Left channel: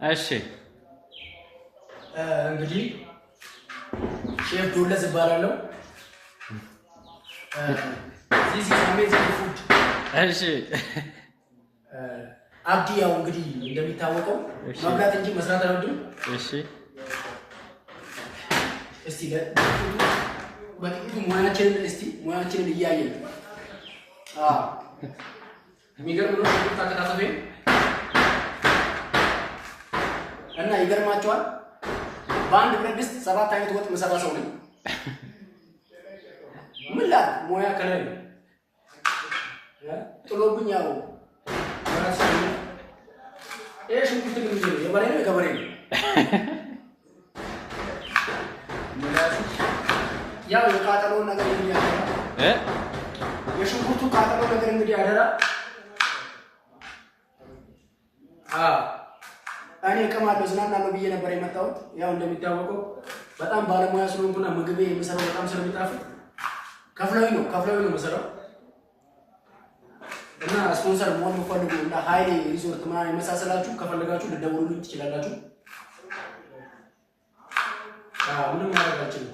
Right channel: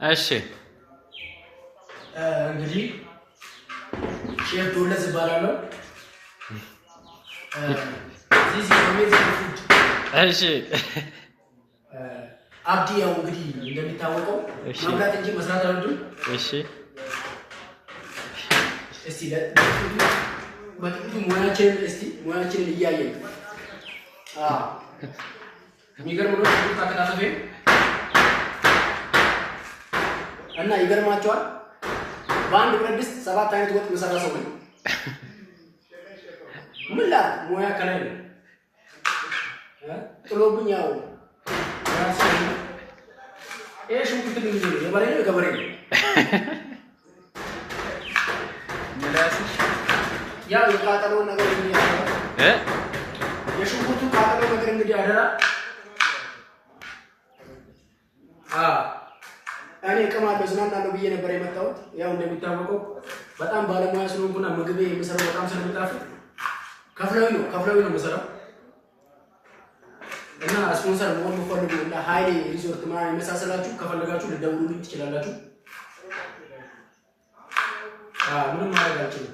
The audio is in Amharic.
እሺ እንግዲህ ሼፍ ዶለዝ ይባላል። this is amazing food እሺ አብዲ ያው እንግዲህ እንደሚታወቀው መብላት እንጂ መስራት አይወድም። እሺ እስቲ በጥቂቱ ሙያችንን እያየን የሚገርም ነው። ታከታተፈ እና ይገርማቸዋል። በአንድ ብረት ድስት 7 አይነት ወጥ መሰራ ሰው ነኝ። ምን ላ ሙያ ከላይ ነው ጥሎብኝ ያው ሽንኩርት ግን የበሬ ነው የገበሬ ነው ምላስሽ ያው የቃጠሎውን ነገር እንግዲህ የሽንኩርቱ ቃጠሎ ነገር እንግዲህ አደራ እኔ እቀማለሁ ዝናናለሁ ብዬ ነበር የመጣሁት። ያው እንደሚታወቀው በጣም ባለሙያ ስለሆንኩና ምግቤ የምሰራው በጣም ስለሚጣፍጥ ከፍለውኝ ነው የምሰራው። እና ስፖንሰር መሆን የምትፈልጉ እና ሀይሌ ሪዞርት ምናምን የመሳሰላችሁ ከፈለጋችሁ ልደውሉልኝ ትችላላችሁ። ምንም ማድረግ አልችልም።